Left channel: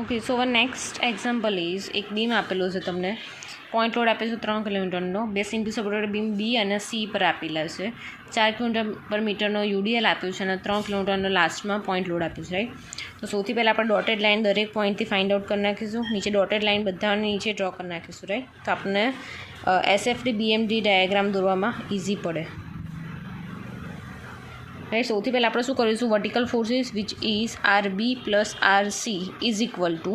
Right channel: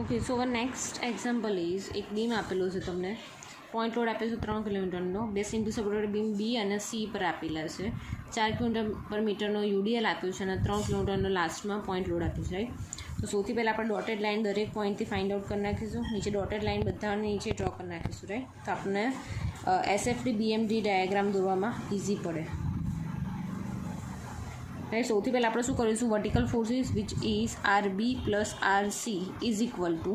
Okay, so hour next example is એક beam આપેલો છે તમને, પોઈન્ટ લોડ આપેલો છે 3 કિલોમીટરનો, બે સિંગલ સપોર્ટેડ બીમ બી અને સી પર આપેલા છે, 4 કિલોમીટર પર મીટરનો યુડીએલ આપ્યું છે અને 3 કિલોમીટરનો લાસ્ટમાં પોઈન્ટ લોડ આપ્યું છે, રાઈટ. તો સૌથી પહેલાં આપણે ડોટેડ લાઇન દરેક પોઈન્ટથી ફાઇન્ડ આઉટ કરી નાખીશું, નીચે ડોટેડ લાઇન બધાની નીચે ડ્રો કરી નાખીશું, રાઈટ. તો આપણને એસએફડી બીએમડી ડાયાગ્રામ દોરવામાં ઇઝી પડે, રાઈટ. સૌથી પહેલાં આપણે શું કરીશું, vertical forces which is RB plus RC is equal to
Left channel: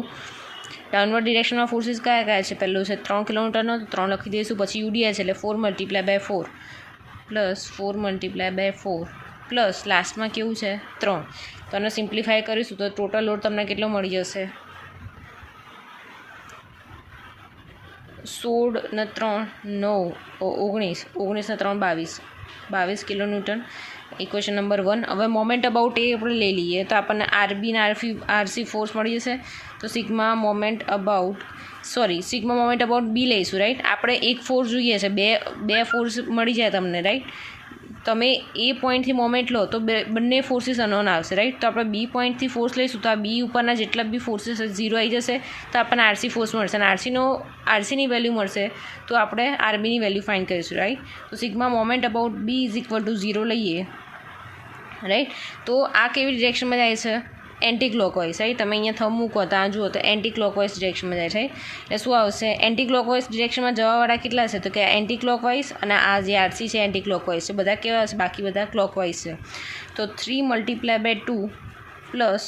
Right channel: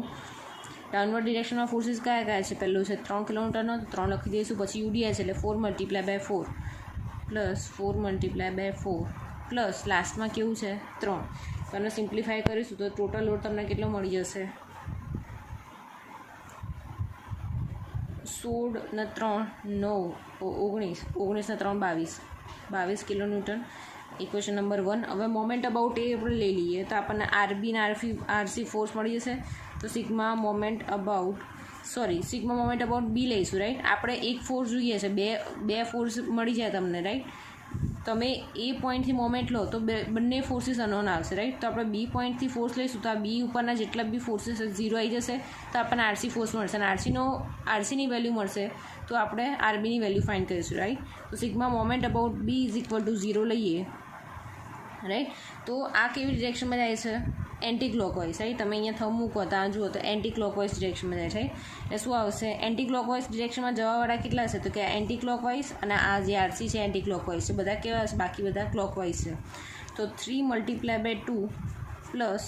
downward ડિરેક્શનમાં ફોર્સિસ કયા કયા છે, પહેલું છે 3 કિલોમીટરનો, 3 લખી દઈશું, પછી યુડીએલ છે એટલે 4 multiply by 4 plus 4 multiply by 4 plus લાસ્ટમાં કેવું છે 3. તો આને સિમ્પ્લિફાય કરીશું તો ટોટલ લોડ તમને કેટલો મળી જશે, 16 ને 3 9 19, 19 ને 3 22 કિલોન્યુટન. Equation number 1. હવે મોમેન્ટ અબાઉટ એ આપણે લઈ લઈએ તો આપણને આરબી ને આરસી ફોર્સ મળી જશે. તો સિગ્મા મોમેન્ટ અબાઉટ બી લઈશું, રાઈટ. આપણે એક ફોર્સ જોઈએ છે, બે ફોર્સ મળી જાય તમને, રાઈટ. તમે એ પોઈન્ટથી મોમેન્ટ લો તો બંને ફોર્સીસ અનનોન આવશે, રાઈટ. તો આપણે બી પોઈન્ટથી ફોર્સ લઈશું તો આ બી ઉપરના જેટલા બી ફોર્સીસ 0 આવી જશે, તો આપણને આરસી ફોર્સ મળશે અને આરસીની વેલ્યુ મળશે તો આપણે આરબીની વેલ્યુ ફાઇન્ડ કરીશું, રાઈટ. તો sigma moment about B is equal to 0 લઈએ, રાઈટ. તો આ કેવી ડિરેક્શનમાં જાય છે, એન્ટી ક્લોકવાઇઝ, રાઈટ. તમે અહીંયા થંબ મૂકો ત્યાં જુઓ તો એન્ટી ક્લોકવાઇઝ ડિરેક્શનમાં જાય છે. એટલે શું આવશે, એન્ટી ક્લોકવાઇઝ ડિરેક્શનમાં જવાવાળા કેટલા છે તો કે એન્ટી ક્લોકવાઇઝ, અને આ જે આરસી છે એન્ટી ક્લોકવાઇઝ છે, બધા કેવા હશે, બાકી બધા ક્લોકવાઇઝ છે. તો 3 multiply by 2 plus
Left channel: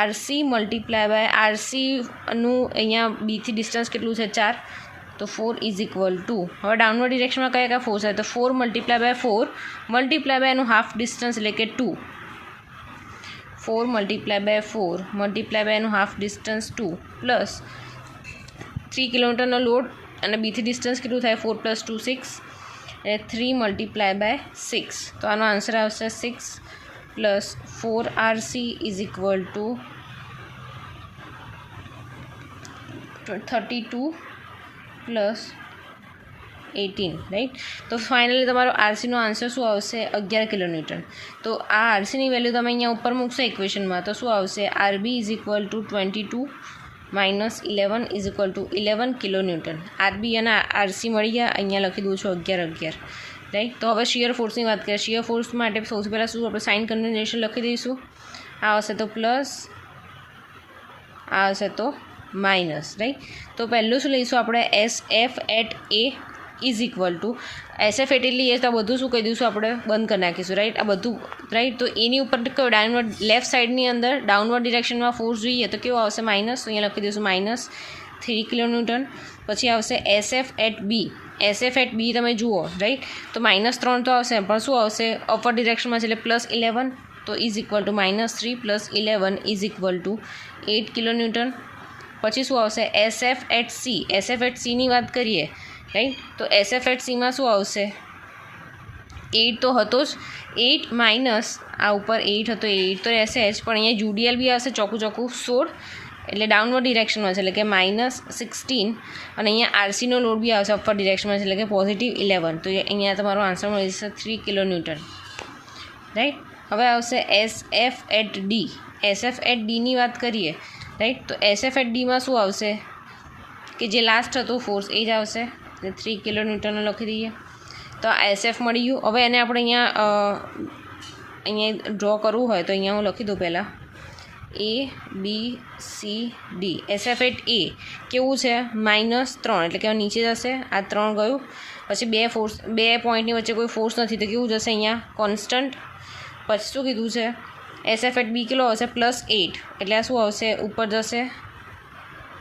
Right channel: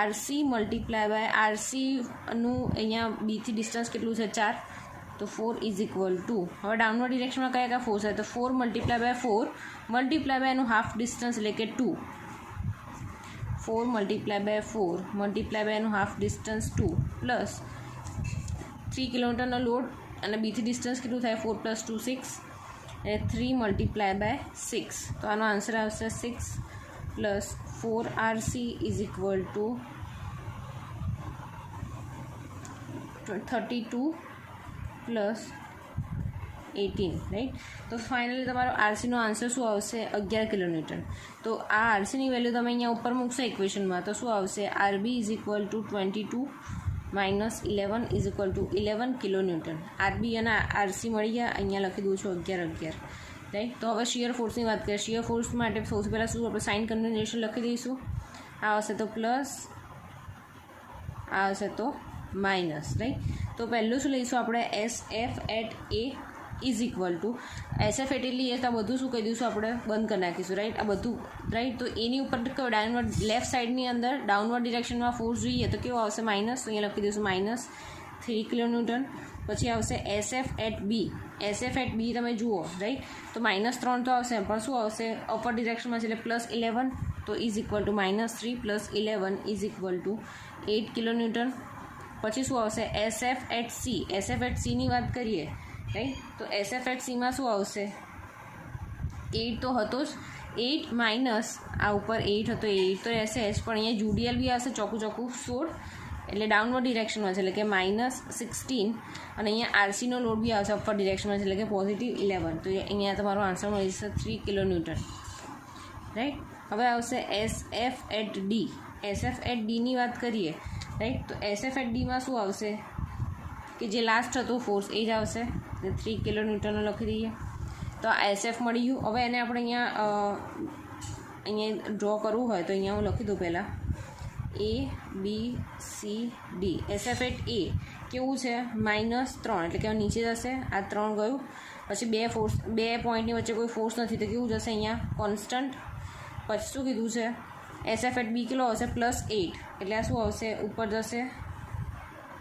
RC multiply by આરસીનું અહીંયા બીથી ડિસ્ટન્સ કેટલું છે 4, તો 4 ઇઝ ઇક્વલ ટુ, હવે ડાઉનવર્ડ ડિરેક્શનમાં કયા કયા ફોર્સ આવે તો 4 મલ્ટીપ્લાય બાય 4 મલ્ટીપ્લાય બાય એનું હાફ ડિસ્ટન્સ એટલે કે 2, 4 મલ્ટીપ્લાય બાય 4 મલ્ટીપ્લાય બાય એનું હાફ ડિસ્ટન્સ 2 પ્લસ 3 કિલોમીટરનો લોડ અને બીથી ડિસ્ટન્સ કેટલું થાય 4 + 2 6, એટલે 3 મલ્ટીપ્લાય બાય 6. તો આનો આન્સર આવશે 6 plus 4RC is equal two 32 plus 18, right. તો ફાઇનલી તમારો આરસીનો આન્સર શું આવશે, 11 કિલોન્યુટન. તો આ આરસીની વેલ્યુ તમે અહીંયા ઉપર મૂકશો ઇક્વેશનમાં તો શું આવશે, RB is equal to 22 minus 11 is equal to 11 kilonewton. RB અને આરસી મળી ગયા, અહીંયા લખી દઉં છું 11, રાઈટ. તો હવે શિયર ફોર્સની વાત કરીએ. શિયર ફોર્સ માટે સૌથી પહેલાં શું આપણે સાઇન કન્વેન્શન લખી દઈશું, આ હશે તો પ્લસ, આ હશે તો માઇનસ, રાઈટ. તો પહેલું શું લઈશું આપણે, SF at A is equal to SF એટલી એ તો આ બધું શું કહી દઈશું આપણે બંધ કરી નાખીશું, રાઈટ. આ બધું, રાઈટ. તો એની ઉપર કયો ડાઉનવર્ડ લેફ્ટ સાઈડની અંદર ડાઉનવર્ડ ડિરેક્શનમાં ફોર્સ જોઈએ તો કેવો આવશે, માઇનસ. તો અહીંયા લખી દઈશું -3 કિલોન્યુટન. પછી આવશે SF at B. SF at B તમે જુઓ, રાઈટ. તો -3 તો આવશે પણ શું આવશે, અપર ડિરેક્શનમાં છે એટલે +11, તો is equal to -3 + 11 is equal to 8 kilonewton. પછી શું આવશે, SF at C. SF at સીની વાત કરીએ, રાઈટ. તો SF એટ સીમાં શું આવશે, 8 તો હતો જ, 8 માઇનસ આ ઉપર 8 હતો, 8 તો રહેશે જ, પણ અહીંયા યુડીએલ બી આવશે ચોખ્ખું 16, એટલે ડાઉનવર્ડ ડિરેક્શનમાં છે એટલે કે -16, અને અહીંયા આરસીનો લોડ બી આવશે અપર ડિરેક્શનમાં છે એટલે કે +11. તો અહીંયા તમારો આન્સર મળી જશે 3 કિલોન્યુટન, રાઈટ. હવે આવશે SF at D. SF at ડીની વાત કરીએ, રાઈટ. તો SF એટ ડીમાં શું આવશે કે જે લાસ્ટ હતો ફોર્સ એ જ આવશે, એટલે 3 કિલોન્યુટન લખી દઈએ. તો આ SF મળી ગયું. હવે એને આપણે અહીંયા ડ્રો કરવું હોય તો અહીંયા હું લખી દઉં પહેલાં ABCD. SF એટ એ કેવું છે, -3 એટલે કે નીચે જશે, આ 3 ગયું. પછી બે પોઈન્ટની વચ્ચે કોઈ ફોર્સ નથી તો કેવું જશે અહીંયા કોન્સ્ટન્ટ. પછી શું કીધું છે, SF એટ બી કેટલો આવશે, +8, એટલે આ શું આવશે ઉપર જશે,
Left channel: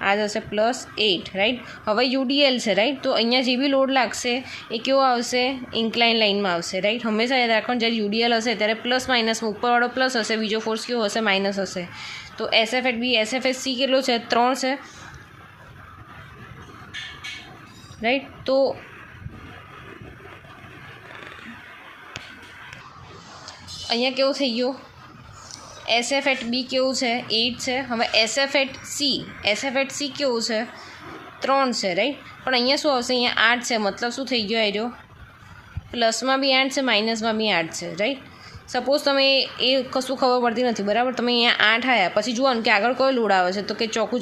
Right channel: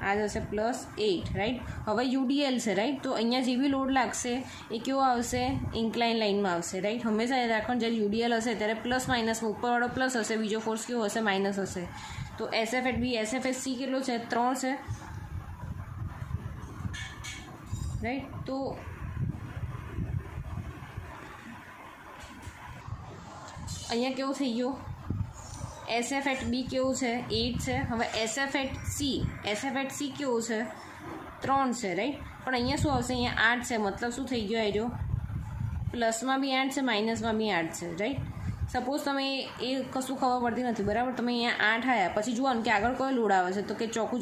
આ જશે +8, રાઈટ. હવે યુડીએલ છે, રાઈટ. તો અહીંયા જે બી લોડ લાગશે એ કેવો આવશે, ઇન્ક્લાઇન લાઇનમાં આવશે, રાઈટ. હંમેશા યાદ રાખવાનું જ્યારે યુડીએલ હશે ત્યારે પ્લસ માઇનસમાં ઉપરવાળો પ્લસ હશે, બીજો ફોર્સ કેવો હશે, માઇનસ હશે. તો SF at B, SF at C કેટલો છે, 3 છે, રાઈટ. તો અહીંયા કેવું થઈ ગયું, SF એટ બી કેવું છે, 8 છે. હવે SF એટ સી કેવું છે, 3 છે, રાઈટ. પણ અહીંયા શું આવશે, અહીંયા 8 છે, મતલબ શું થઈ ગયો, આવ્યો પ્લસમાં બી 8 છે, માઇનસમાં બી 8 છે, રાઈટ. સપોઝ તમે એ કશું ખબર પડતી નથી, બરાબર. તમે અહીંયા 8 આવ્યા, પછી જોવાનું કે આગળ કયો લોડ આવે છે, તો કે ચોખ્ખું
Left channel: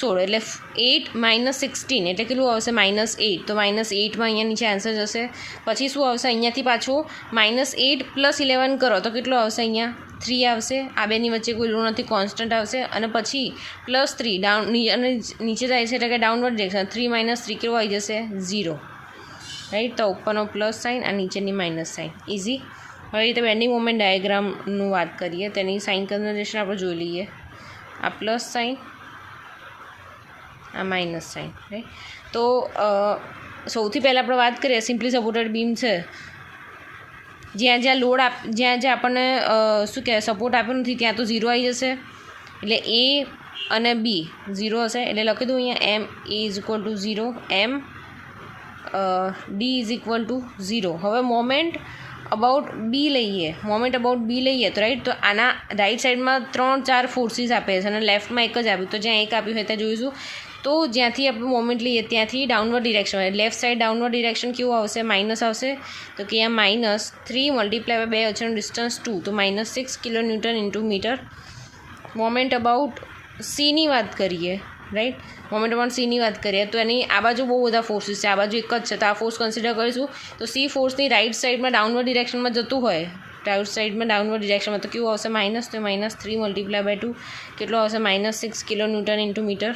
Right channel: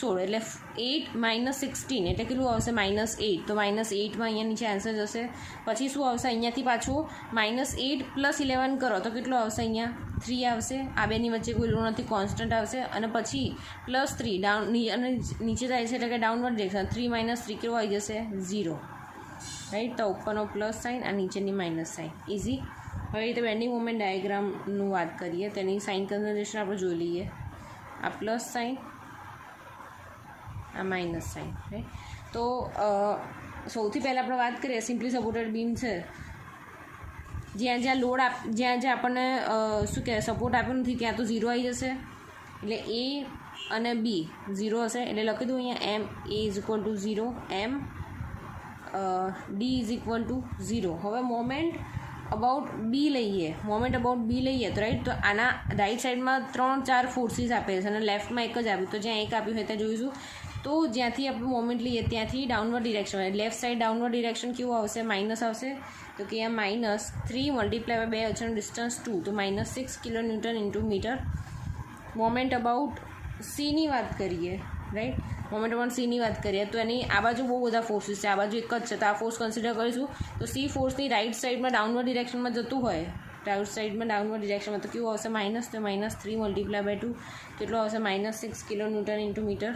16, એટલે 8 - 16 એટલે કેટલું આવશે -8. તો -8માં અહીંયા નીચે આન્સર જશે. પછી શું આવશે, અહીંયાથી પાછું -8 + 11 કરો તો કેટલો આવશે, અહીંયા 3 આવશે. આ બેની વચ્ચે કોઈ લોડ નથી, કોન્સ્ટન્ટ આવશે. અને પછી +3 ડાઉન અને નીચે જાય છે એટલે કે ડાઉનવર્ડ ડિરેક્શન, 3 - 3 કેટલું આવી જશે, 0, રાઈટ. તો ઉપરનો પ્લસ સાઇન અને નીચેની માઇનસ સાઇન, ઇઝી. હવે રીતે બેન્ડિંગ મોમેન્ટ ડાયાગ્રામનું વાત કરીએ, તેની સાઇન કન્વર્ઝેશન આપણે જોઈ લઈએ. આ પ્લસ સાઇન, આ માઇનસ સાઇન, રાઈટ. તો સૌથી પહેલાં આપણે વાત કરીએ, સિમ્પલી સપોર્ટેડ બીમ છે, જ્યાં લોડ જ્યાં આપણને શું કહેવાય સપોર્ટ આપ્યો નથી ત્યાં તો 0 આવી જશે. એટલે એ અને બી 0 હશે. એટલે લખી દઉં અહીંયા MA = 0, D = 0. હવે મોમેન્ટ અબાઉટ બી લઈએ, તો રાઈટ. તો આના રાઈટ સાઈડમાં 3-4 ફોર્સીસ આપે છે અને લેફ્ટમાં એક જ આપ્યું. તો જ્યાં એક આપ્યું હોય ત્યાં જોઈશું. તો જ્યાંથી આપણે મોમેન્ટ લઈએ ત્યાંથી ડાઉનવર્ડ ડિરેક્શન હોય, લેફ્ટ સાઈડ ડાઉનવર્ડ ડિરેક્શન કેવું આવશે, માઇનસ આવશે. તો કે અહીંયા -3 × 2 વચ્ચેનું ડિસ્ટન્સ 2, તો -6 kN × મીટર. મોમેન્ટ અબાઉટ સીની વાત કરીએ, રાઈટ. મોમેન્ટ અબાઉટ સીની વાત કરીએ તો એની આ બાજુ બહુ બધા ફોર્સીસ છે, આ બાજુ એક જ છે, તો આ ફોર્સ કન્સિડર કરીશું. તો સી ફોર્સની રાઈટ સાઈડમાં ડાઉનવર્ડ ડિરેક્શનમાં જતું હોય, રાઈટ સાઈડમાં ડાઉનવર્ડ ડિરેક્શનમાં, તો કેવું આવશે, માઇનસ. તો -3 × 2 કેટલો આવશે, -6 kN × મીટર.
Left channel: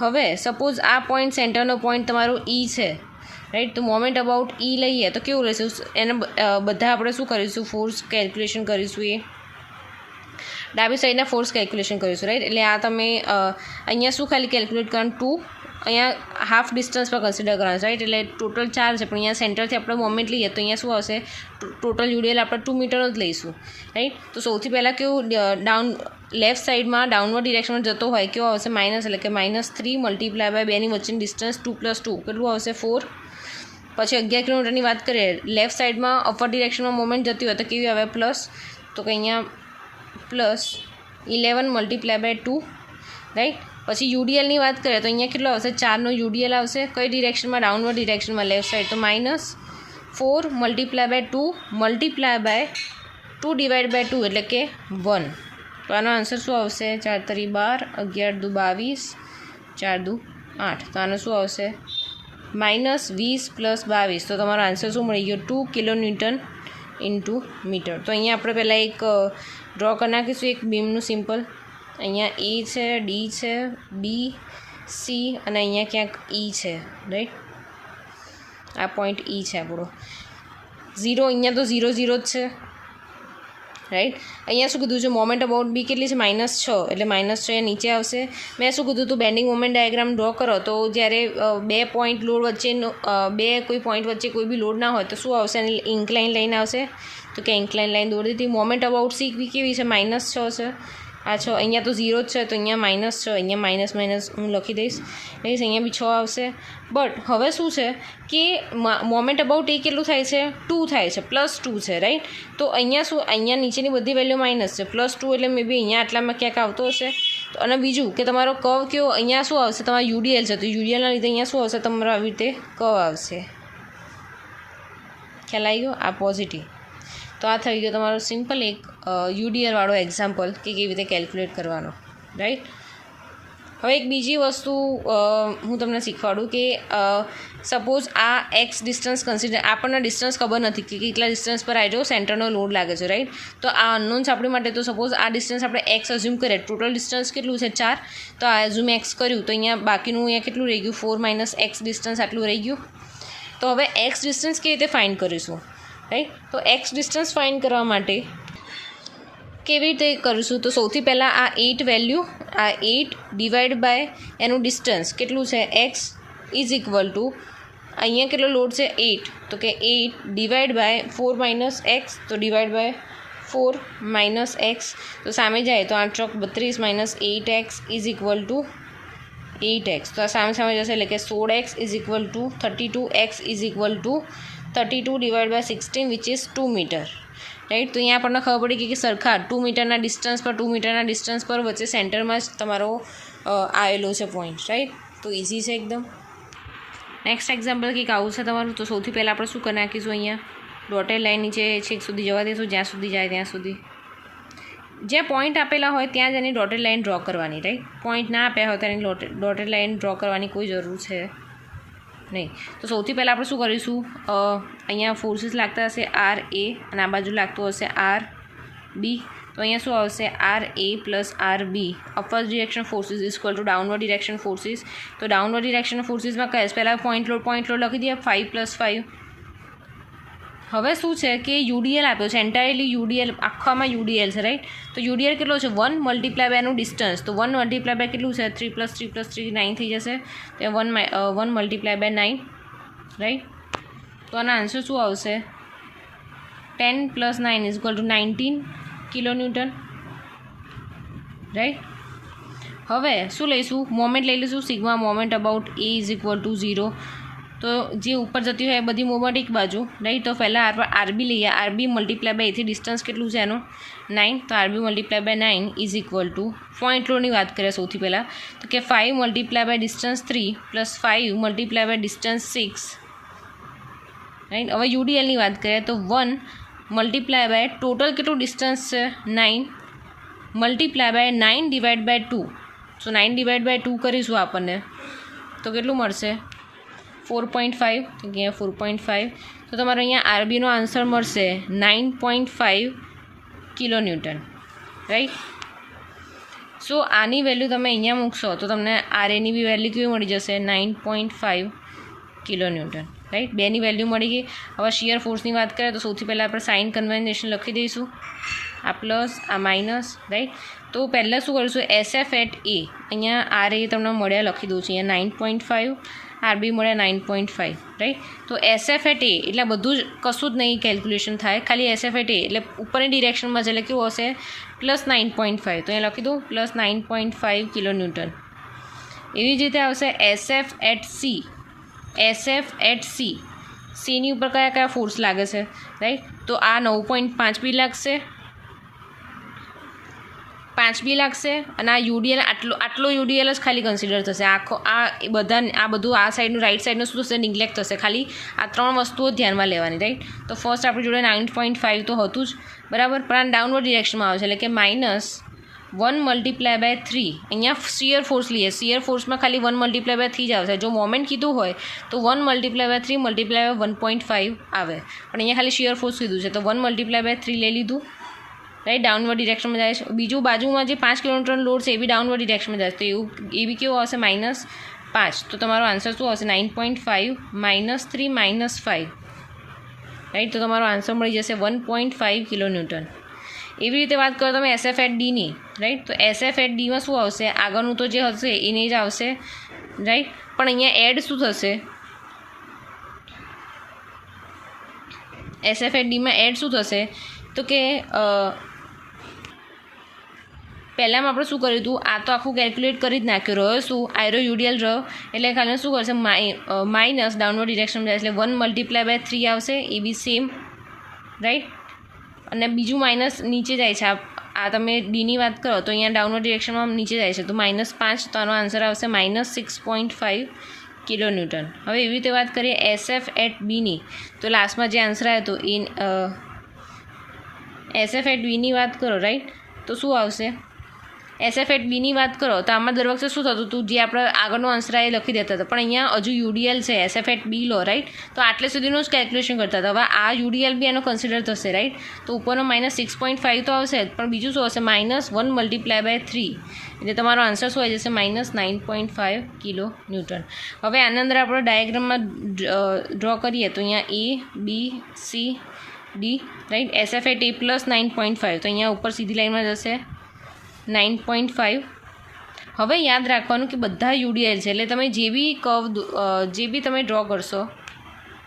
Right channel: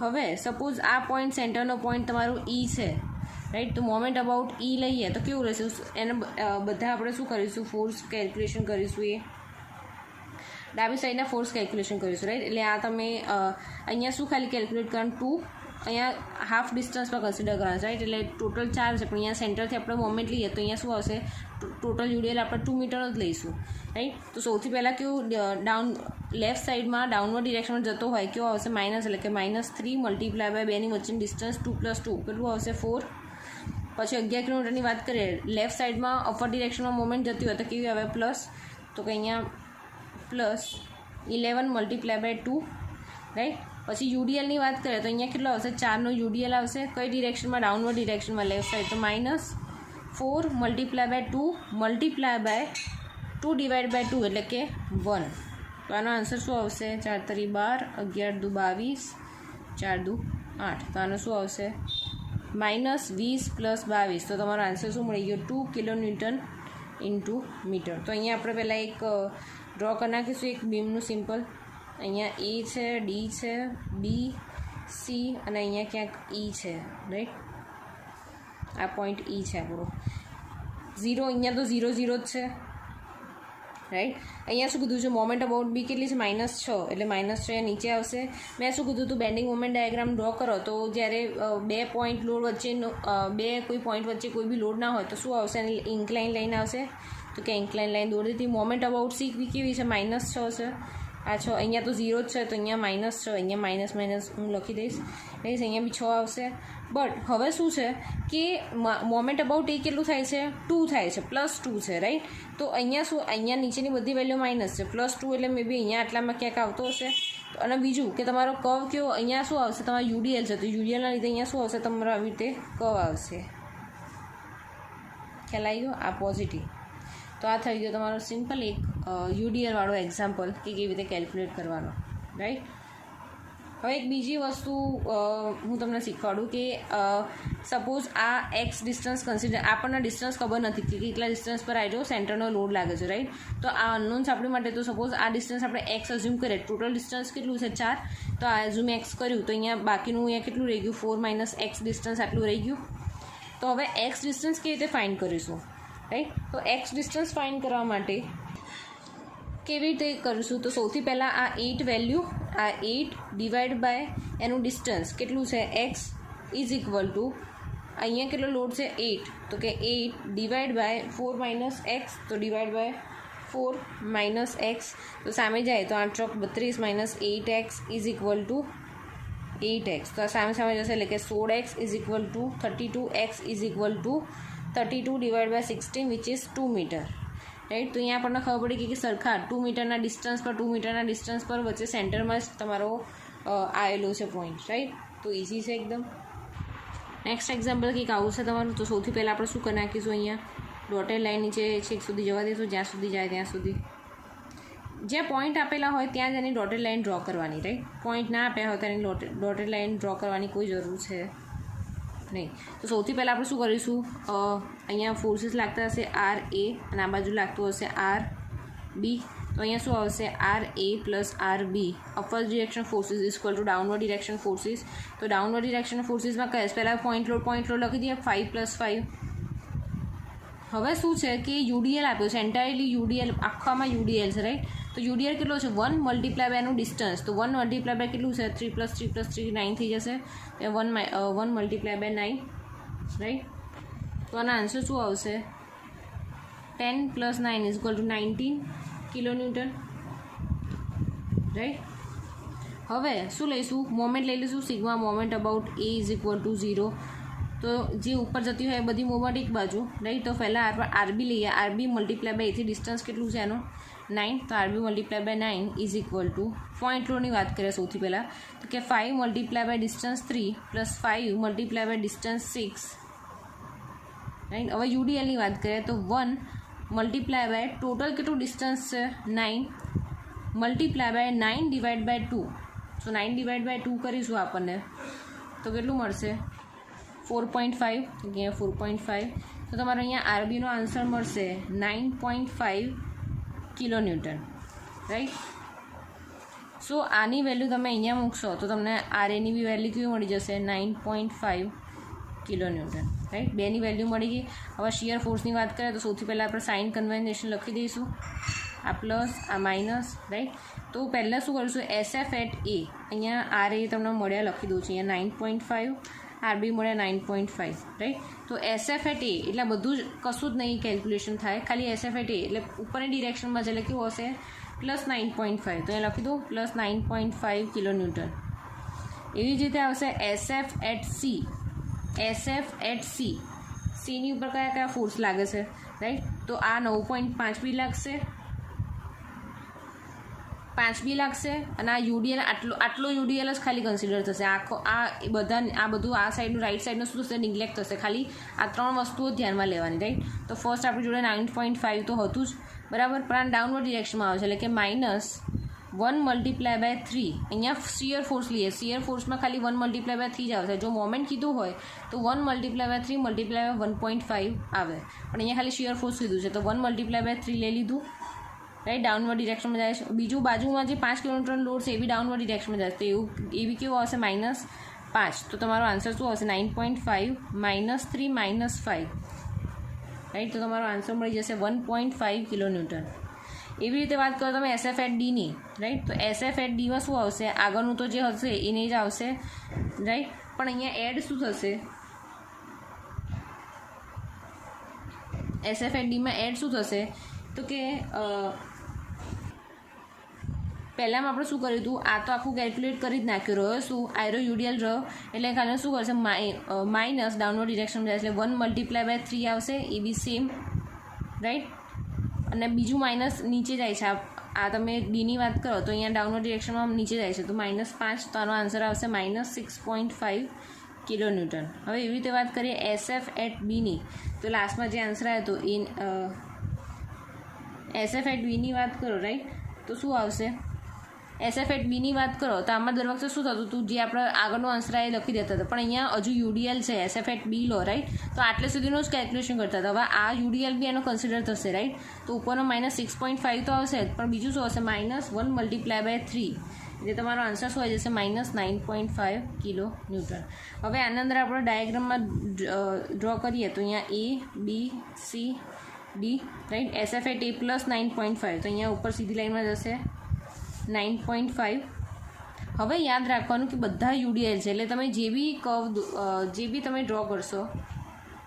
હવે સપોઝ આ પોઈન્ટ સેન્ટરનો પોઈન્ટ તમારો ઈ છે, રાઈટ. તો મોમેન્ટ અબાઉટ ઈ લઈએ તો કેવું રહેશે, એને બધા આપણે શું કરીશું, ફોર્સ કેલ્ક્યુલેશન કરીશું. એ ડાબી સાઈડના ફોર્સ કેલ્ક્યુલેશન કરીશું, રાઈટ. એટલે આ તમે અહીંયા શું ખાલી કેલ્ક્યુલેટ કરવાનું, 2 અહીંયા હાફ ડિસ્ટન્સ પર કન્સિડર કરવાનું, રાઈટ. એટલે ટોટલ 4 છે, પણ અહીંયા સેન્ટરથી આપણે મોમેન્ટ લઈએ તો અહીંયા શું આવશે, ટોટલ યુડીએલ આપણે 2 મીટર જ લઈશું, રાઈટ. તો સૌથી પહેલાં કેવું, લેફ્ટ સાઈડમાં ડાઉનવર્ડ ડિરેક્શનમાં જતો હોય કેવો આવશે, માઇનસ. એટલે કે -3 × 2ની વચ્ચેની ડિસ્ટન્સ 2 + 2 કેટલું આવશે, 4. પછી 11 કિલોમીટરની વાત કરીએ, લેફ્ટ સાઈડમાં અપર ડિરેક્શનમાં મોમેન્ટ જતી હોય તો કેવી આવે, પ્લસ. તો કે અહીંયા +11 × 2, રાઈટ. પછી યુડીએલની વાત કરીએ તો અહીંયા કેટલો આવશે, 4નો યુડીએલ આવશે. કઈ ડિરેક્શનમાં, ડાઉનવર્ડ ડિરેક્શનમાં, લેફ્ટ સાઈડ. તો -4 × 2 / 2 એટલે કે 1. તો આનો આન્સર શું આવશે, 4 × 3 = 12, 11 × 2 = 22, 4 × 2 = 8. તો આનો શું આવશે, -20 + 22. તો તમારો આન્સર શું મળી ગયો, 2 kN × મીટર. તો અહીંયા આપણે પહેલાં એક ડ્રો કરી નાખીશું, એક બીમનું સિમ્પલ. અહીંયા એ છે, ડી છે, બી, સી અને અહીંયા ક્યાંક ઈ છે, રાઈટ. આ પોઈન્ટ ઈ છે આપણો. 0 અહીંયા તો 0 0 જ છે, રાઈટ. અહીંયા શું કીધું છે, મોમેન્ટ અબાઉટ બી કેટલી છે, -6, એટલે -6 અહીંયા નીચે આવશે. મેં શું કીધું હતું, બેન્ડિંગ મોમેન્ટ ડાયાગ્રામ ડ્રો કરો તો જ્યારે બે પોઈન્ટ લોડ વચ્ચેનો કોઈ પોઈન્ટ વચ્ચે કોઈ બી લોડ ના હોય તો શું આવશે, ઇન્ક્લાઇન લાઈન આવશે. તો કે ઇન્ક્લાઇન લાઈન દોરી દીધી. મોમેન્ટ અબાઉટ સી બી કેવી છે, -6 છે. આ 6 અહીંયા તો 0 જ છે, તો અહીંયા -6, અહીંયા માઇનસ હું લખી દઈશ, અહીંયા બી 6 આવશે. બટ હવે શું છે કે મોમેન્ટ અબાઉટ એ કેટલું થાય છે, 2 થાય છે, +2 છે, રાઈટ. તો અહીંયા શું, અહીંયા નીચેની બધી વેલ્યુ માઇનસ છે, +2 એટલે મે બી અહીંયા આટલામાં ક્યાંક આવતો હશે. તો અને બીજું કે તમારો કર્વ કેવો, અહીંયા શું આવશે, તમારો યુડીએલ છે, તો યુડીએલના લીધે અહીંયા શું આવશે, તમારો આવી રીતે કર્વ આવશે. ખ્યાલ આવી ગયો, આ પોઝિટિવ. તો આ થઈ ગયો તમારો સિમ્પલ એક યુડીએલવાળો એક્ઝામ્પલ કે કેવી રીતે કેલ્ક્યુલેટ કરવાનો, રાઈટ. હવે એક બીજી વસ્તુ હું તમને શીખવાડું કે સપોઝ આ એક્સ ડિસ્ટન્સ કન્સિડર, આપણને ડિસ્ટન્સ ખબર નથી કે કેટલા ડિસ્ટન્સ પર આવી જાઓ સેન્ટરનો લોડ લાગે છે, રાઈટ. તો આ અનનોન્સ આપણી માટે, તો સપોઝ આ ડિસ્ટન્સ આપણે એક્સ અઝ્યુમ કરીએ, ટોટલ ડિસ્ટન્સ કેટલું છે, 4. તો આ અઝ્યુમ એક્સ કર્યું તો અહીંયા બાકીનું અહીંયા કેટલું રહી ગયું, 4 - x ડિસ્ટન્સ આટલું રહી ગયું. તો હવે એક્સ ડિસ્ટન્સ કેવી રીતે ફાઇન્ડ કરીશું, રાઈટ. તો એક્સ ડિસ્ટન્સ ફાઇન્ડ કરવા માટે કેવી રીતે કરીશું, તો સૌથી પહેલાં આ 8 વેલ્યુ, આ 8 / એનું ડિસ્ટન્સ કેટલું છે, x = અહીંયા કેટલો લોડ છે, 8. તો કે 8 / 4 - x, તો / 4 - x. તો સામે જાય તો 8 × 32 - 8x = 8x. તો આ સામે જશે એટલે કે 16x = 32x = 32 / 16 which is 2 metre, right. તો અહીંયા આપણને ખબર પડી કે સરખા 2 મીટરના ડિસ્ટન્સ પર વચ્ચે સેન્ટરમાં જ તમારો આવેલો છે પોઈન્ટ, રાઈટ. તો ઇઝી છે એકદમ. નેક્સ્ટ એક્ઝામ્પલ કંઈક આવું છે તમારું. તો સૌથી પહેલાં આપણે શું કરી નાખીશું, અહીંયા ડોટેડ લાઇન નીચે છેક સુધી જવા દઈશું, જ્યાં સુધી જાય ત્યાં સુધી. જ્યાં પોઈન્ટ આપેલા હોય ત્યાં જ એની ડોટેડ લાઇન ડ્રો કરવાની, રાઈટ. પોઈન્ટ ના આપ્યા હોય તો એની ડોટેડ લાઇન ડ્રો કરવાની કોઈ જરૂર છે નહીં. તો સૌથી પહેલાં આપણે શું કરીશું, અહીંયા ફોર્સીસ લાગતા હશે RA અને આ બાજુ લાગતું હશે RB. તો અહીંયા શું આવશે RA plus RB. Upward direction forces equal to downward direction forces. તો ડાઉનવર્ડ ડિરેક્શન ફોર્સીસમાં કહે પહેલાં પોઈન્ટ લોડ લખી દઈએ 5+5. હવે શું છે કે યુડીએલ આપ્યો છે, એન્ટાયરલી યુડીએલ, આખામાં યુડીએલ છે, રાઈટ. તો યુડીએલ કેટલો છે 1 મલ્ટીપ્લાય બાય એનું ડિસ્ટન્સ. તો 1 મલ્ટીપ્લાય બાય કેટલું છે 3+3+3 9 થઈ જશે. તો 1 મલ્ટીપ્લાય બાય 9, રાઈટ. તો આના આન્સર શું આવશે 10 + 9 = 19 કિલોન્યુટન, રાઈટ. હવે શું લઈશું, મોમેન્ટ લઈ લઈશું, સિગ્મા મોમેન્ટ અબાઉટ A = 0. તો જે ઉપર જતી હોય એ બધી મોમેન્ટ એક બાજુ, રાઈટ. તો પહેલાં આપણે RB લઈએ. RB મલ્ટીપ્લાય બાય એથી ડિસ્ટન્સ કેટલું છે એનું 9. તો RB મલ્ટીપ્લાય બાય 9 = પોઈન્ટ લોડની વાત કરીએ સૌથી પહેલાં. તો કે 5 multiply by distance 3 + 5 multiply by distance 6, right. હવે યુડીએલની વાત કરીએ તો 1 મલ્ટીપ્લાય બાય ટોટલ કેટલું ડિસ્ટન્સ છે 9 multiply by 9 divide by 2. So 9 divide by 2 કરીશું આપણને તો કેટલું મળશે 4.5. અહીંયા 4.5. તો તમારો અહીંયા આરબીનો આન્સર મળશે 9.5 કિલોન્યુટન, રાઈટ. સો આની વેલ્યુ તમે અહીંયા મૂકશો તો તમને આરએની બી વેલ્યુ કેવી મળી જશે 9.5 કિલોન્યુટન, રાઈટ. બેની વેલ્યુ મળી ગઈ. હવે શિયર ફોર્સની વાત કરીએ તો સૌથી પહેલાં આપણે સાઇન કન્વેન્શન લખી દઈશું, આ પ્લસ આ માઇનસ, રાઈટ. તો પહેલાં શું કરીશું SF એટ A, અહીંયા RA તમને મળ્યા લખી દઉં છું, અહીંયા 9.5, RB મળ્યા 9.5, રાઈટ. તો SF એટ A એટલે બધું જ કશું જ નહીં કેલ્ક્યુલેશન થાય, ખાલી SF એટ A એટલે ઉપરની ડિરેક્શનમાં છે એટલે કેવું હશે +9.5. તો અહીંયા લખી દઉં +9.5 કિલોન્યુટન. એવી જ રીતે આવશે SF at C. SF at C, Cની ઉપર કયા કયા ફોર્સ લાગે છે, રાઈટ. તો આ 9.5 બી લાગશે, 5 બી લાગશે અને આ યુડીએલ આટલો યુડીએલ જ ખાલી કન્સિડર થશે. આખો બધું આ સાઈડનું રાઈટ સાઈડનું શું થશે નિગ્લેક્ટ થશે. ખાલી આ 3 વસ્તુઓ ધ્યાનમાં લેવાની, રાઈટ. તો ફર્સ્ટ આપણી જોડે 9.5 તો હતું જ, બરાબર. પણ આ ડાઉનવર્ડ ડિરેક્શનમાં આવે છે એટલે કે -1 મલ્ટીપ્લાય બાય 3. અહીંયા શિયર ફોર્સ લઈએ, શિયર ફોર્સમાં ખાલી 1 મલ્ટીપ્લાય બાય 3 જ આવશે. જો મોમેન્ટ કીધું હોય તો 1 મલ્ટીપ્લાય બાય 3 મલ્ટીપ્લાય બાય 1.5 આવે, પણ અહીંયા ખાલી શિયર ફોર્સ કીધું છે તો 1 મલ્ટીપ્લાય બાય 3 લઈ લીધું, રાઈટ. ડાઉનવર્ડ ડિરેક્શનમાં જાય છે. બીજું બાજુમાં જે 5 કિલોમીટર લોડ છે એ બી ડાઉનવર્ડ ડિરેક્શનમાં જાય છે, તો એ બી કેવું આવશે -5. તો તમારો આન્સર શું આવશે 9.5 -3 -5, રાઈટ. તો તમારો આન્સર મળી જશે 1.5 કિલોન્યુટન. એવી રીતે વાત કરો તમે SF એટ Dની, રાઈટ. તો SF એટ Dમાં શું આવશે, આગળનું તો જે હશે એને જ આવશે, રાઈટ. પણ અહીંયા એડ શું થશે, SF એટ Dમાં એડ શું થશે તો કે પહેલાંમાં આપણે શું કર્યું હતું, આ તો આખું કેલ્ક્યુલેટ કરી જ નાખ્યું. રહ્યો શું આયરો યુડીએલ રહ્યો એટલે ખાલી શું કરશે માઇનસ ડાઉનવર્ડ ડિરેક્શનમાં જાય એટલે 1 મલ્ટીપ્લાય બાય 3 આવશે, એ બી સેમ, રાઈટ. અને બીજું માઇનસ નીચે જાય છે. આ તમે ડીની વાત કરો તો અહીંયા ડાઉનવર્ડ ડિરેક્શનમાં નીચે જાય છે તો -5. તો આનો આન્સર આવશે -6.5 કિલોન્યુટન. હવે એવી રીતે વાત કરીએ SF એટ Bની, તો લાસ્ટમાં જે આન્સર આવ્યો હતો એ SF એટ Bની વાત કરો, રાઈટ. તો શું આવશે SF એટ Bની વાત કરો તો આમાં દર વખતે શું થતું હતું, જે આપણે આગળનો આન્સર એ લખી દેતા હતા, પણ અહીંયા હજુ યુડીએલ છે SF એટ B લો, રાઈટ. તો આટલે સુધીનું જ કેલ્ક્યુલેશન કરતા હતા. હવે આ યુડીએલ બી એનો કન્સિડર થશે, રાઈટ. તો ઉપરનો -6.5 તો આવશે જ, પણ બીજું શું આવશે -1 મલ્ટીપ્લાય બાય 3 એટલે તમારો આન્સર શું આવી જશે -9.5 કિલોન્યુટન. હવે આના અંદર આપણે ડાયાગ્રામમાં ડ્રો કરીએ તો અહીંયા ABCD, right. SF at A +9.5 તો અહીંયા ઉપર સીધી લાઈનમાં જશે 9.5. હવે યાદ રાખવાનું કે બધા યુડીએલ છે એટલે તમે જે બી તમે ડ્રો કરશો,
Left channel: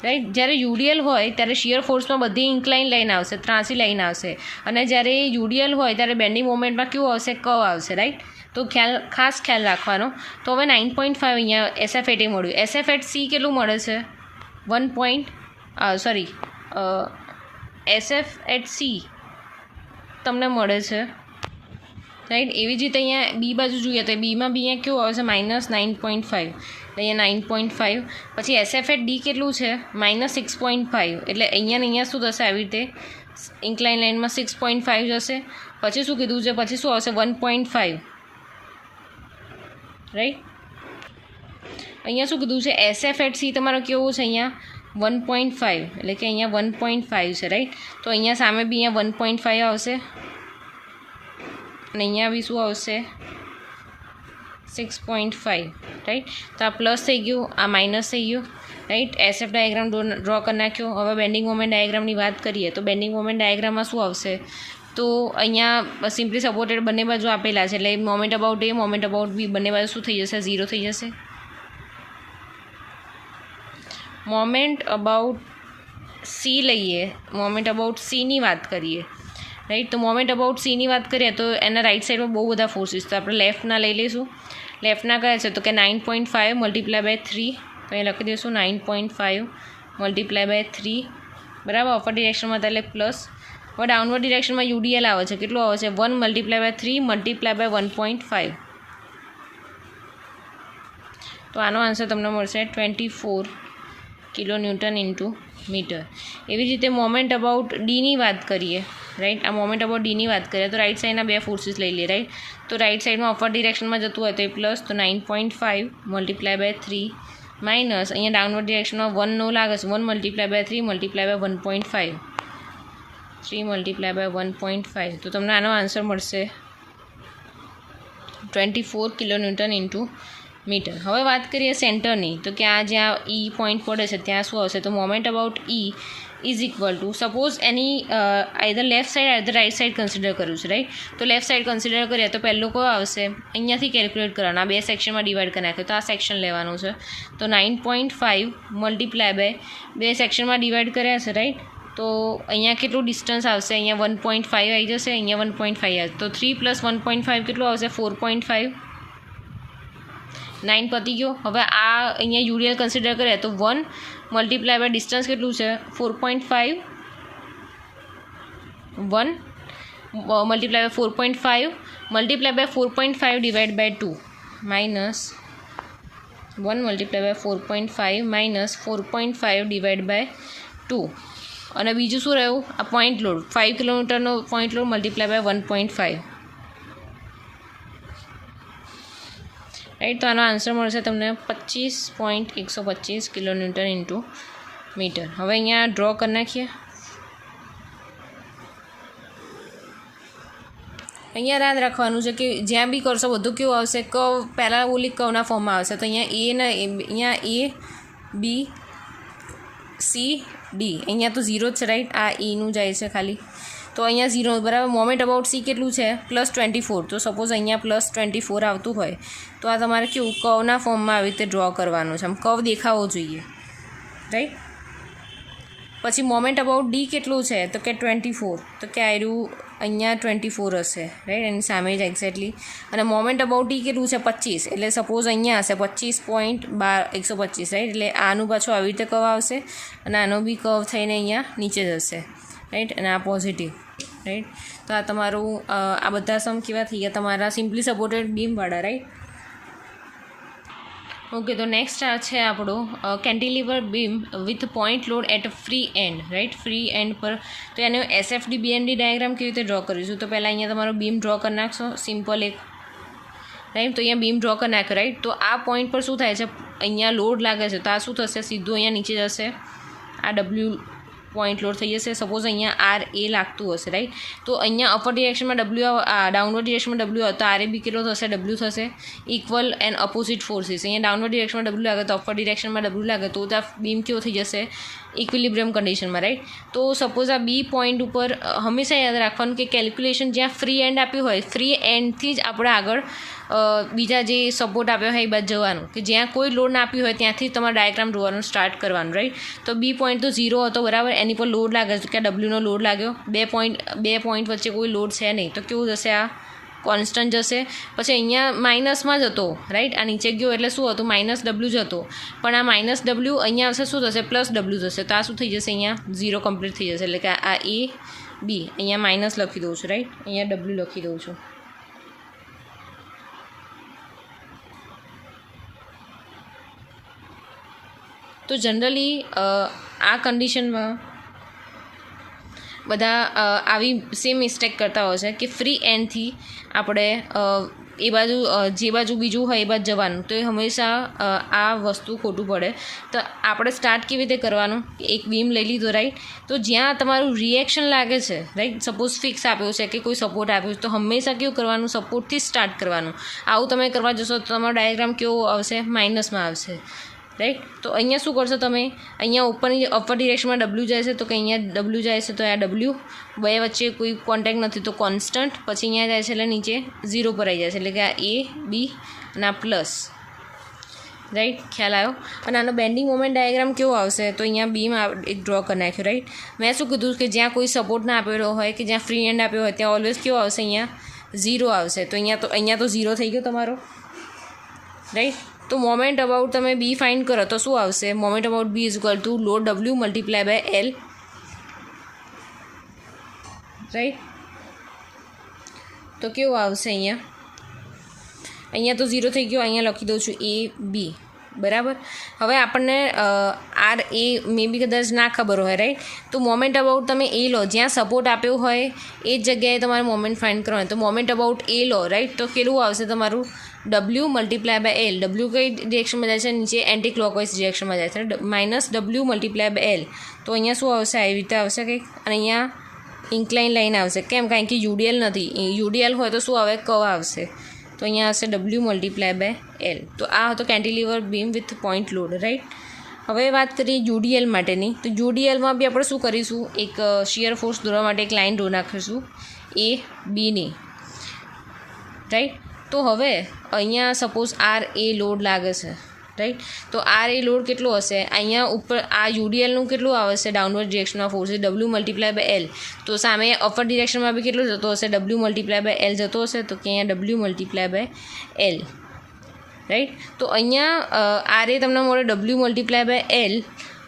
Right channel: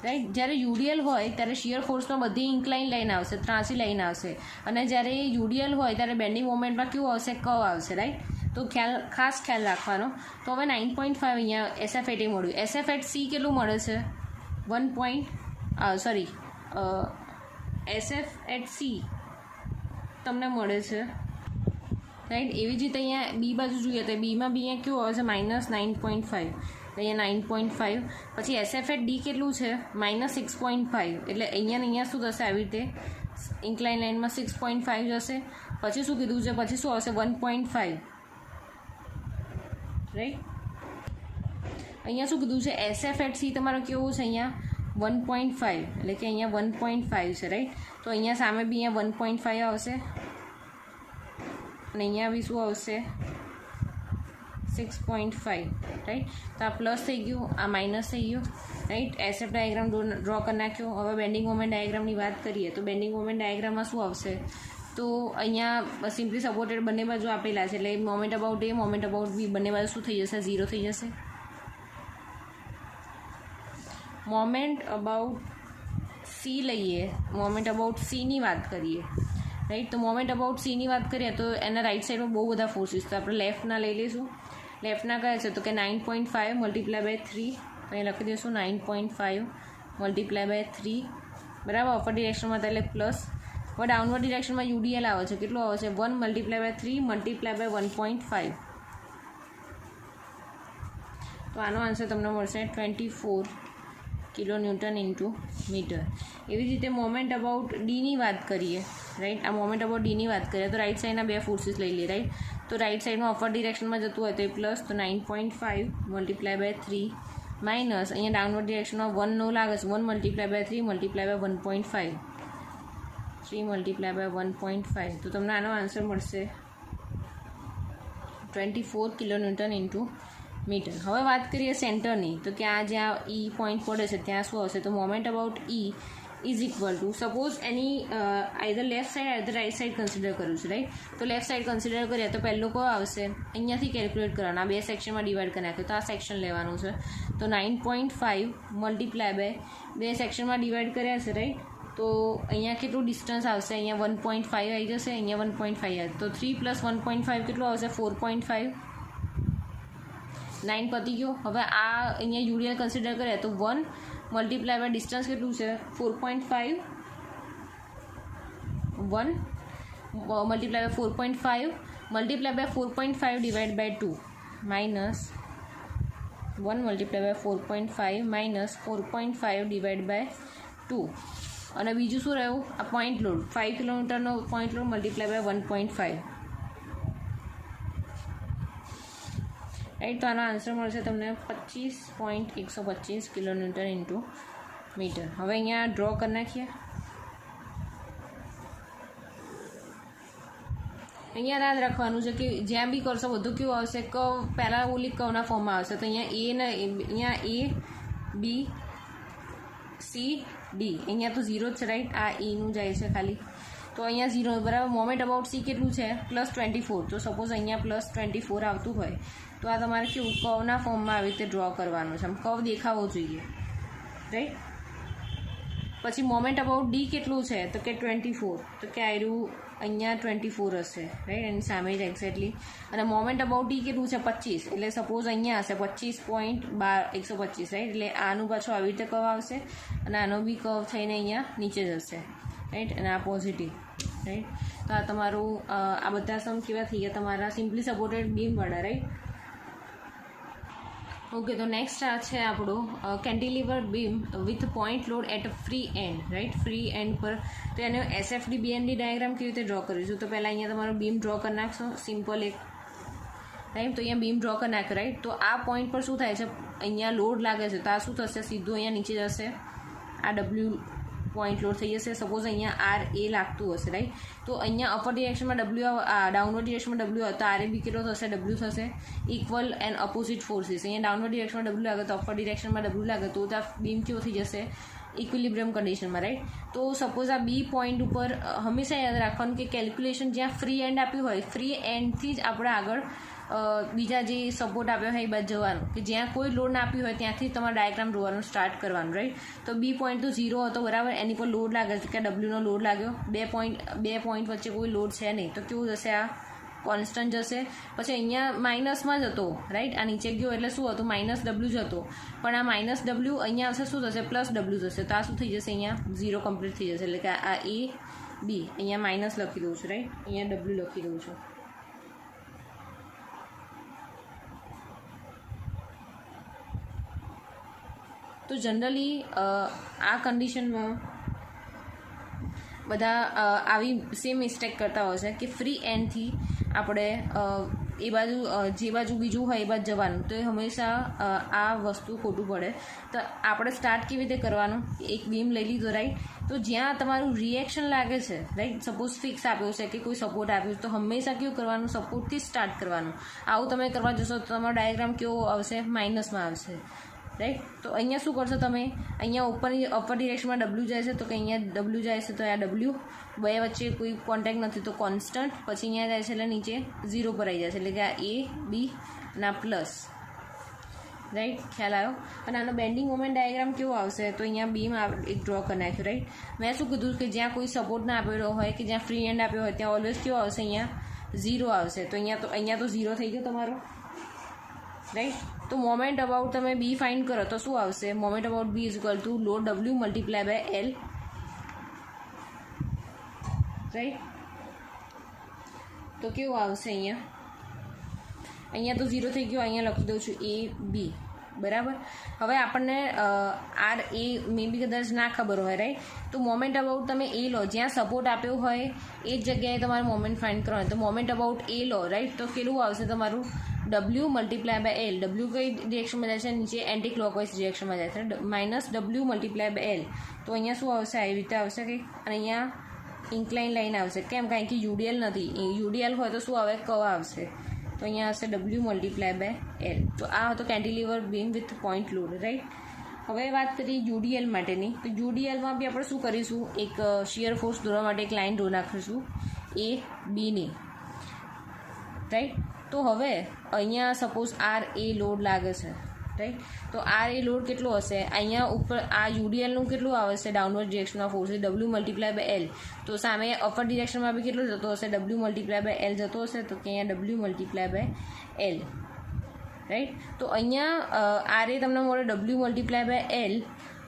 રાઈટ. જ્યારે યુડીએલ હોય ત્યારે શિયર ફોર્સમાં બધી ઇન્ક્લાઇન લાઈન આવશે, ત્રાસી લાઈન આવશે, અને જ્યારે યુડીએલ હોય ત્યારે બેન્ડિંગ મોમેન્ટમાં કેવું આવશે કર્વ આવશે, રાઈટ. તો ખાસ ખ્યાલ રાખવાનો. તો હવે 9.5 અહીંયા SF એટ A મળ્યું. SF એટ C કેટલું મળે છે SF એટ C તમને મળે છે, રાઈટ. એવી જ રીતે અહીંયા બી બાજુ જોઈએ તો બીમાં બી અહીંયા કેવું આવે છે -9.5, અહીંયા 9.5. પછી SF@D કેટલું છે -6.5, એટલે અહીંયા ને અહીંયા શું થશે આવી રીતે ઇન્ક્લાઇન લાઇનમાં 6.5 જશે. પછી શું કીધું છે, પછી શું આવશે 1.5, રાઈટ. અહીંયા શું કીધું છે SF@C તમારો કેવો છે અહીંયા 1.5, એટલે કે અહીંયા 1.5 છે, રાઈટ. તો અહીંયા સામે બી અહીંયા 1.5 આવશે અને અહીંયા બી શું આવશે 6.5, રાઈટ. તો આ પ્લસ થઈ ગયું, આ માઇનસ થઈ ગયું, રાઈટ. SF ડાયાગ્રામ ડ્રો કરી નાખ્યો. હવે બેન્ડિંગ મોમેન્ટ ડાયાગ્રામની વાત કરીએ તો બેન્ડિંગ મોમેન્ટ ડાયાગ્રામમાં શું આવશે, તો અહીંયા સિમ્પલી સપોર્ટેડ બંને બાજુ આપેલા છે, એટલે moment about A moment about B બંને બાજુ શું થઈ જશે 0 થઈ જશે. મોમેન્ટ અબાઉટ C લઈએ, મોમેન્ટ અબાઉટ Cની વાત કરીએ, રાઈટ. તો મોમેન્ટ અબાઉટ Cની વાત કરીએ તો એના રાઇટ સાઈડમાં બહુ બધા ફોર્સીસ, તો આપણે લેફ્ટના લઈ લઈશું. લેફ્ટના કયા છે તો કે 9.5 મલ્ટીપ્લાય બાય 3, તો અહીં લખી દઈશું 9.5 મલ્ટીપ્લાય બાય 3, બરાબર. અપર ડિરેક્શનમાં એટલે પ્લસ. હવે ડાઉનવર્ડ ડિરેક્શનમાં UDL આવે છે, કેટલું આવે છે 1 મલ્ટીપ્લાય બાય 3 મલ્ટીપ્લાય બાય 1.5. તો આનો આન્સર તમને મળશે 24 કિલોન્યુટન ઇન્ટુ મીટર. એવી જ રીતે મોમેન્ટ અબાઉટ Dની વાત કરીએ, રાઈટ. આ મોમેન્ટ અબાઉટ Dની વાત કરીએ તો રાઇટ સાઈડના બે ફોર્સીસ લઈ લઈએ, રાઈટ. તો રાઇટ સાઈડમાં અપર ડિરેક્શનમાં જતું હોય તો એ પ્લસ, તો 9.5 મલ્ટીપ્લાય બાય 3 માઇનસ અહીંયા ડાઉનવર્ડ ડિરેક્શનમાં 1 નો લાગે છે 1 multiply by 3 multiply by 1.5, 3 multiply by 1.5. તો તમને આનો આન્સર મળશે 24 કિલોન્યુટન ઇન્ટુ મીટર. હવે વાત કરીએ સેન્ટરની, તો કે આ જ્યાં E પોઈન્ટ પડે છે ત્યાં શું આવશે, તો moment about E is equal to, suppose any either left side either right side consider કર્યું છે, રાઈટ. તો લેફ્ટ સાઈડ કન્સિડર કરીએ તો પહેલું કયો આવશે, અહીંયાથી કેલ્ક્યુલેટ કરવાના, બે સેક્શનમાં ડિવાઈડ કરી નાખ્યો તો આ સેક્શન લેવાનું છે. તો 9.5 મલ્ટીપ્લાય બાય બે સેક્શનમાં ડિવાઈડ કર્યા છે, રાઈટ. તો અહીંયા કેટલું ડિસ્ટન્સ આવશે, અહીંયા 1.5 આવી જશે, અહીંયા 1.5 આવશે, તો 3 + 1.5 કેટલું આવશે 4.5. 9 પતી ગયો. હવે આ અહીંયા UDL કન્સિડર કરીએ તો 1 મલ્ટીપ્લાય બાય ડિસ્ટન્સ કેટલું છે 4.5, 1 multiply by 4.5 multiply by 4.5 divide by 2 minus 1 multiply by 4.5 minus 4.5 divide by 2. અને બીજું શું રહ્યું, આ પોઈન્ટ લોડ 5 કિલોમીટરનો point load multiply by 1.5, right. તો આનો આન્સર મળશે તમને 25.125 કિલોન્યુટન ઇન્ટુ મીટર. હવે અહીંયા ડ્રો કરી નાખીએ. અહીંયા યાદ રાખવાનું છે કે જ્યાં બી કરશો બધું કેવું આવશે, કર્વ પેરાબોલિક કર્વના ફોર્મમાં આવશે. તો અહીંયા A, B, C, D, અહીંયા તો 0 જ છે, રાઈટ. આ Eનું જાય છે ખાલી, તો અહીંયા 0, બરાબર. મોમેન્ટ અબાઉટ C કેટલું છે +24, તો સપોઝ અહીંયા +24 આવતું હોય તો આ તમારે કેવું કર્વના ફોર્મમાં આવી રીતે ડ્રો કરવાનું છે, આમ કર્વ દેખાવો જોઈએ, રાઈટ. પછી મોમેન્ટ અબાઉટ D કેટલું છે તો કે 24, તો કે આયરું અહીંયા 24 હશે, રાઈટ, એની સામે જ એક્ઝેક્ટલી. અને મોમેન્ટ અબાઉટ D કેટલું છે 25, એટલે સપોઝ અહીંયા હશે 25.125, રાઈટ. એટલે આનું પાછું આવી રીતે કર્વ આવશે અને આનો બી કર્વ થઈને અહીંયા નીચે જશે, રાઈટ. અને આ પોઝિટિવ, રાઈટ. તો આ તમારું આ બધા સમ કેવા થઈ ગયા તમારા સિમ્પલી સપોર્ટેડ બીમવાળા, રાઈટ. ઓકે, તો નેક્સ્ટ આ છે આપણું cantilever beam with point load at free end, right. Free end પર તો એનો SFD BND ડાયાગ્રામ કેવી રીતે ડ્રો કરીશું, તો પહેલાં અહીંયા તમારો બીમ ડ્રો કરી નાખશો સિમ્પલ એક, રાઈટ. તો અહીંયા બીમ ડ્રો કરી નાખ્યો, રાઈટ. તો આ પોઈન્ટ પર શું થાય છે, અહીંયા લોડ લાગે છે તો આ શું થશે, સીધું અહીંયા નીચે જશે, આ W પોઈન્ટ લોડ થઈ જશે. સપોઝ અહીંયા RA લાગતું હશે, રાઈટ. તો અહીંયા અપર ડિરેક્શનમાં W, ડાઉનવર્ડ ડિરેક્શનમાં W આવે તો RAB કેટલો થશે, W થશે. ઇક્વલ એન્ડ અપોઝિટ ફોર્સીસ, અહીંયા ડાઉનવર્ડ ડિરેક્શનમાં W લાગે તો અપર ડિરેક્શનમાં W લાગે તો આ બીમ કેવો થઈ જશે, ઇક્વિલિબ્રિયમ કન્ડિશનમાં, રાઈટ. તો સપોઝ આ B પોઈન્ટ ઉપર હંમેશા યાદ રાખવાનું કે કેલ્ક્યુલેશન જ્યાં ફ્રી એન્ડ આપ્યું હોય ફ્રી એન્ડથી જ આપણે આગળ બીજા જે સપોર્ટ આપ્યો હોય એ બાદ જવાનું, કે જ્યાં કોઈ લોડ ના આપ્યું હોય ત્યાંથી તમારે ડાયાગ્રામ દોરવાનું સ્ટાર્ટ કરવાનું, રાઈટ. તો B પોઈન્ટ તો 0 હતો, બરાબર. એની પર લોડ લાગે છે કે Wનો લોડ લાગ્યો, બે પોઈન્ટ વચ્ચે કોઈ લોડ છે નહીં, તો કેવું જશે, આ કોન્સ્ટન્ટ જશે. પછી અહીંયા માઇનસમાં જ હતો, રાઈટ. આ નીચે ગયો એટલે શું હતું, -W જ હતો, પણ આ -W અહીંયા આવશે શું થશે, +W જશે. તો આ શું થઈ જશે, અહીંયા 0 કમ્પ્લીટ થઈ જશે. એટલે કે આ A, B, અહીંયા માઇનસ લખી દઉં છું, રાઈટ. અહીંયા W લખી દઉં છું. તો જનરલી આ કન્ડિશનમાં બધા આવી સેમ મિસ્ટેક કરતા હોય છે કે ફ્રી એન્ડથી આપણે એ બાજુ જે બાજુ બીજું હોય એ બાજુ જવાનું, તો એ હંમેશા આ વસ્તુ ખોટું પડે. તો આપણે સ્ટાર્ટ કેવી રીતે કરવાનું, એક બીમ લઈ લીધો રાઈટ, તો જ્યાં તમારું રિએક્શન લાગે છે રાઈટ, સપોઝ ફિક્સ આપ્યો છે કે કોઈ સપોર્ટ આપ્યો છે, તો હંમેશા કેવું કરવાનું, સપોર્ટથી સ્ટાર્ટ કરવાનું. આવું તમે કરવા જશો તો તમારો ડાયાગ્રામ કેવો આવશે, માઇનસમાં આવશે રાઈટ. તો અહીંયા શું કરશો તમે, અહીંયા ઉપરની અપર ડિરેક્શનમાં ડબલ્યુ જાય છે, તો કે અહીંયા ડબલ્યુ જાય છે, તો આ ડબલ્યુ બે વચ્ચે કોઈ કોન્ટેક્ટ નથી, તો કોન્સ્ટન્ટ, પછી અહીંયા જાય છે એટલે નીચે 0 પર આવી જાય છે, એટલે કે આ એ બી અને આ પ્લસ રાઈટ. ખ્યાલ આવ્યો. અને આનો બેન્ડિંગ મોમેન્ટ ડાયાગ્રામ કેવો આવશે, તો અહીંયા બીમ એક ડ્રો કરી નાખ્યો રાઈટ. મેં શું કીધું કે જ્યાં કોઈ સપોર્ટ ના આપેલો હોય કે જ્યાં ફ્રી એન્ડ આપ્યો હોય ત્યાં ઓલવેઝ કેવો આવશે, અહીંયા 0 આવશે. તો અહીંયા તો 0 થઈ ગયો તમારો રાઈટ. તો મોમેન્ટ અબાઉટ તમે બી ફાઇન્ડ કરો તો શું આવશે, moment about B is equal to load W multiply by L right. તો કેવું આવશે, અહીંયા તો 0 થઈ ગયો, અહીંયા લખી દઉં છું એ બી બરાબર. હવે આપણને આર એ મે બી કદાચ ના ખબર હોય રાઈટ, તો મોમેન્ટ અબાઉટ તમે એ લો, જ્યાં સપોર્ટ આપ્યો હોય એ જ જગ્યાએ તમારે મોમેન્ટ ફાઇન્ડ કરવાનું. તો મોમેન્ટ અબાઉટ એ લો રાઈટ, તો કેટલું આવશે તમારું, W multiply by L. W કઈ ડિરેક્શનમાં જાય છે, નીચે એન્ટી ક્લોકવાઇઝ ડિરેક્શનમાં જાય છે, minus W multiply by L. તો અહીંયા શું આવશે, આવી રીતે આવશે કંઈક, અને અહીંયા ઇન્ક્લાઇન લાઈન આવશે. કેમ, કારણ કે યુડીએલ નથી, યુડીએલ હોય તો શું આવે, કર્વ આવશે. તો અહીંયા હશે ડબલ્યુ મલ્ટીપ્લાય બાય એલ. તો આ હતો cantilever beam with point load right. હવે વાત કરીએ યુડીએલ માટેની. તો યુડીએલમાં બી આપણે શું કરીશું, એક શિયર ફોર્સ દોરવા માટે એક લાઈન ડ્રો નાખીશું એ બીની રાઈટ. તો હવે અહીંયા સપોઝ આર એ લોડ લાગે છે રાઈટ, તો આર એ લોડ કેટલો હશે, અહીંયા ઉપર આ યુડીએલનું કેટલું આવશે, ડાઉનવર્ડ ડિરેક્શનમાં force W multiply by L. તો સામે અપર ડિરેક્શનમાં બી કેટલો જતો હશે, ડબલ્યુ મલ્ટીપ્લાય બાય એલ જતો હશે, તો કે અહીંયા W multiply by L right. તો અહીંયા આર એ તમને મળે ડબલ્યુ મલ્ટીપ્લાય બાય એલ.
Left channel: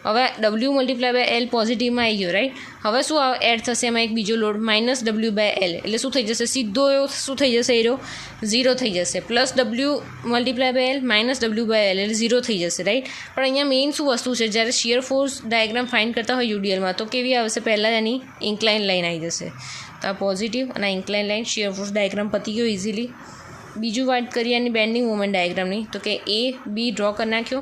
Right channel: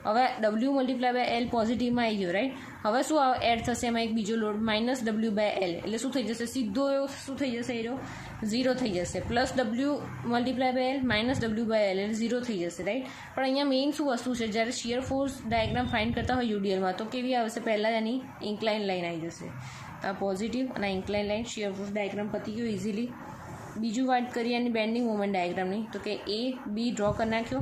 હવે ડબલ્યુ મલ્ટીપ્લાય બાય એલ પોઝિટિવમાં આવી ગયો રાઈટ. હવે શું એડ થશે એમાં એક બીજો load minus W by L, એટલે શું થઈ જશે, સીધો એવો શું થઈ જશે, એરો 0 થઈ જશે, plus W multiply by L minus W by L, એટલે 0 થઈ જશે રાઈટ. પણ અહીંયા મેઇન શું વસ્તુ છે, જ્યારે શિયર ફોર્સ ડાયાગ્રામ ફાઇન્ડ કરતા હોય યુડીએલમાં, તો કેવી આવશે, પહેલાં એની ઇન્ક્લાઇન લાઈન આવી જશે. તો આ પોઝિટિવ અને incline line shear force diagram પતી ગયો ઇઝીલી. બીજું વાત કરીએ એની બેન્ડિંગ મોમેન્ટ ડાયાગ્રામની, તો કે એ બી ડ્રો કરી નાખ્યો.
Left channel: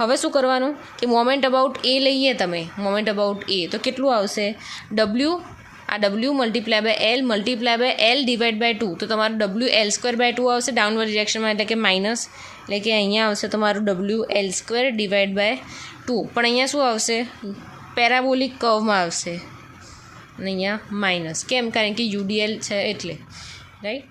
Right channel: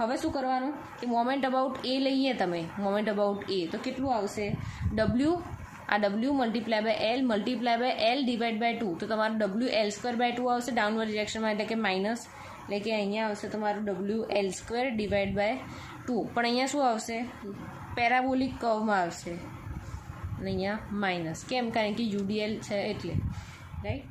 હવે શું કરવાનું કે મોમેન્ટ અબાઉટ એ લઈએ તમે, મોમેન્ટ અબાઉટ એ તો કેટલું આવશે, ડબલ્યુ આ W multiply by L divide by 2. તો તમારું ડબલ્યુ એલ સ્ક્વેર બાય 2 આવશે ડાઉનવર્ડ ડિરેક્શનમાં, એટલે કે માઇનસ, એટલે કે અહીંયા આવશે તમારું W L square divide by 2. પણ અહીંયા શું આવશે, પેરાબોલિક કર્વમાં આવશે, અને અહીંયા માઇનસ. કેમ, કારણ કે યુડીએલ છે એટલે રાઈટ.